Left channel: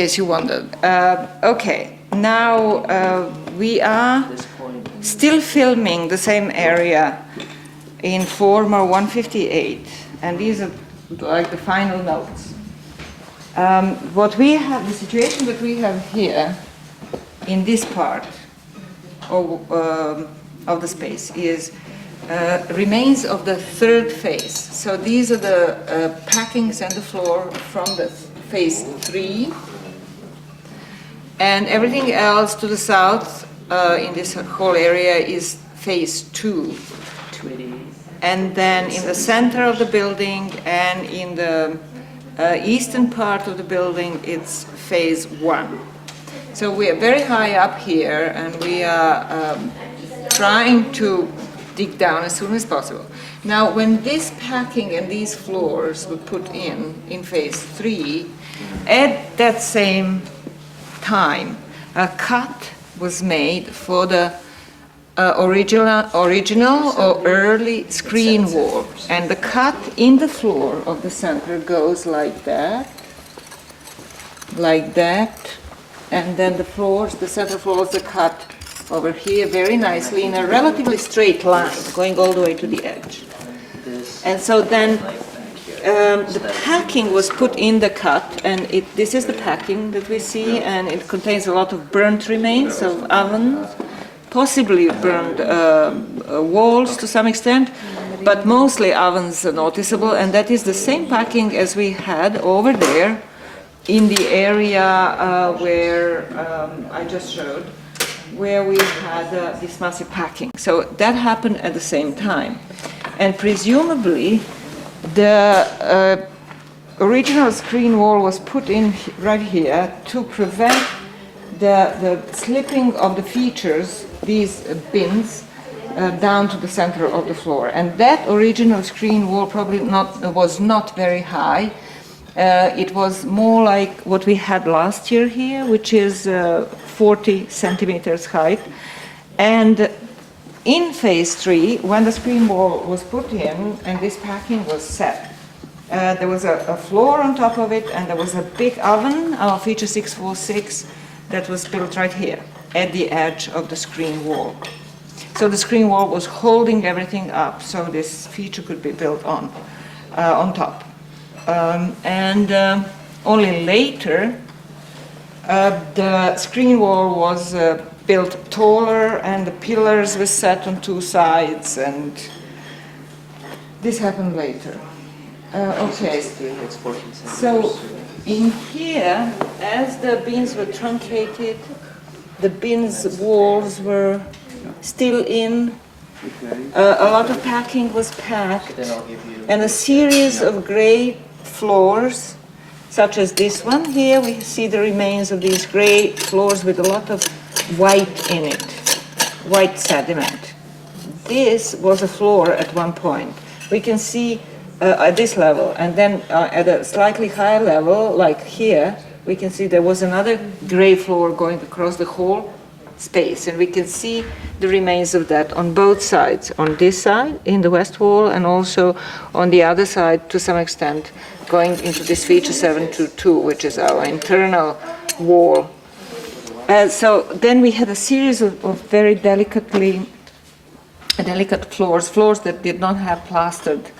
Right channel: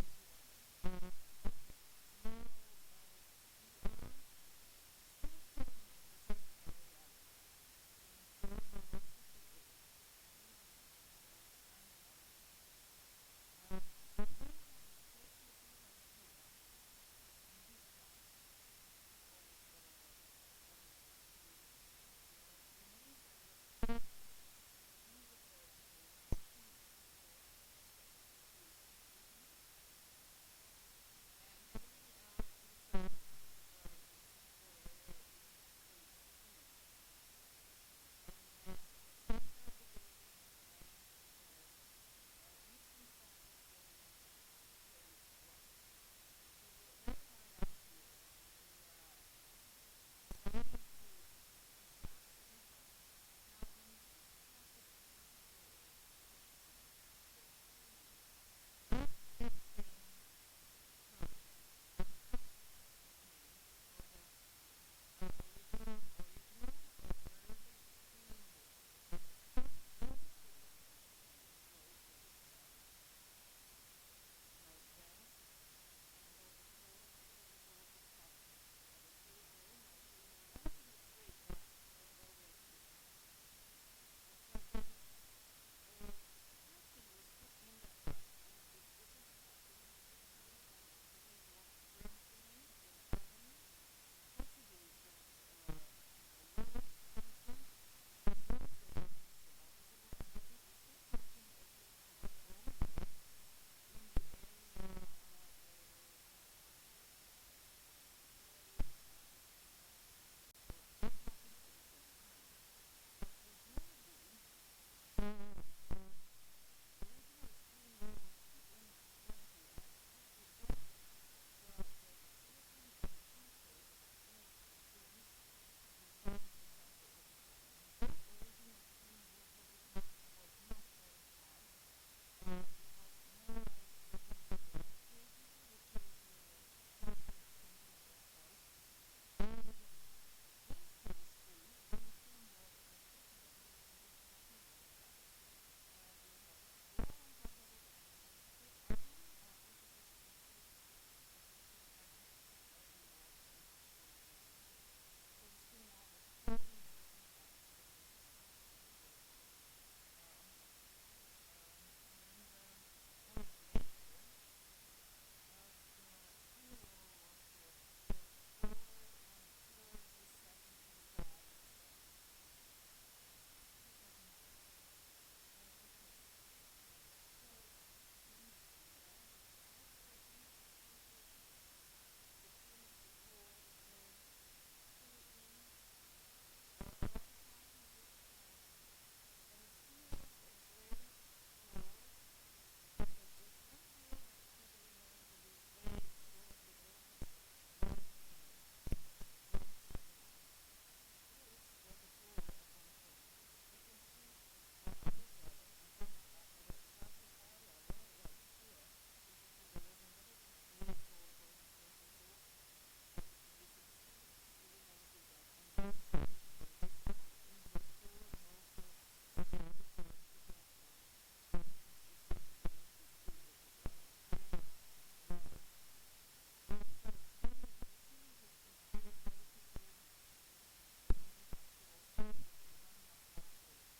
case you wondered. Okay, now we are still filming the same area in former 158, and these are like the final notes. What we have, the situation that we have here in this part of the space is remains of the third phase. So these are the packings and the floor from the phase 3, and everything else to the south in this whole area is phase 2. And then in the center of the building and in the eastern part of the building, it's phase 1. So we are very high up here, and we are trying to dig down as soon as possible. Now, when this packing and these floors were put in phase 3, at that same time, a cut was made for the original or early screen wall, and the cut in the floor of the center goes like that, and then the floors, the center floors, are cut over here very nicely in a relatively straight line, going all the way to the edge. And so then the packing was put in the cut, and this is the packing that we see, and it contains a lot of burnt remains of ovens, possibly burned walls to some extent, but mostly ovens are noticeable, and that is the same packing as we had over there in the area where I just showed, where we had this massive packing. So that happened at the same time. And presumably the original screen wall was put in right here to prevent the slipping of the features, these bins, down to the center of the floor. And that original screen wall probably was not very high. It was more like what we had last year here, which is 40 centimeters height. And in phase 3, when the screen wall was put in and this packing was set, there was a floor on top of it, and there was a big oven, our feature 646, that was built right here at the edge of the screen wall. So the screen wall was holding everything up, so this feature could be built on top. And only later, the screen wall was built taller, and the pillars were set on 2 sides, and this happened later. Okay, so in here, as the bins were truncated, the bins walls were still in, a lot of packing was packed, and a series of gray floors, such as this one here. We see the remains of these gray floors with a lot of white in it, white sediment. This was a floor at one point. We can see at this level, and then at a slightly higher level, like here, we can see there was another gray floor going across the whole space, and we can see the remains of that on both sides, on this side in the west wall, and also on the other side to some extent going into this feature 722, which is our internal wall. So then we had a series of very delicate floors that did not have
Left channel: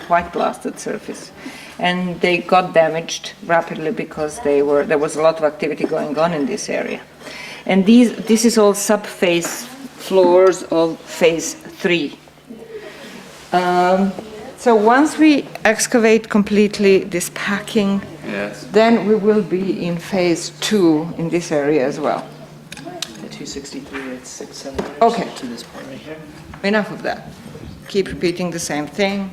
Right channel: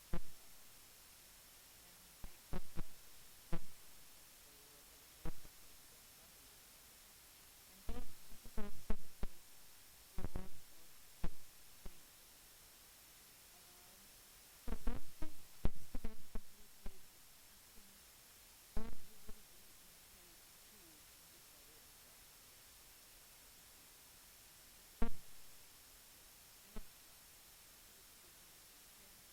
white plastered surface, and they got damaged rapidly because there was a lot of activity going on in this area. And this is all sub-phase floors of phase 3. So once we excavate completely this packing, yes, then we will be in phase 2 in this area as well. At 263, it's 6 centimeters okay, to this point right here. Enough of that. Keep repeating the same thing.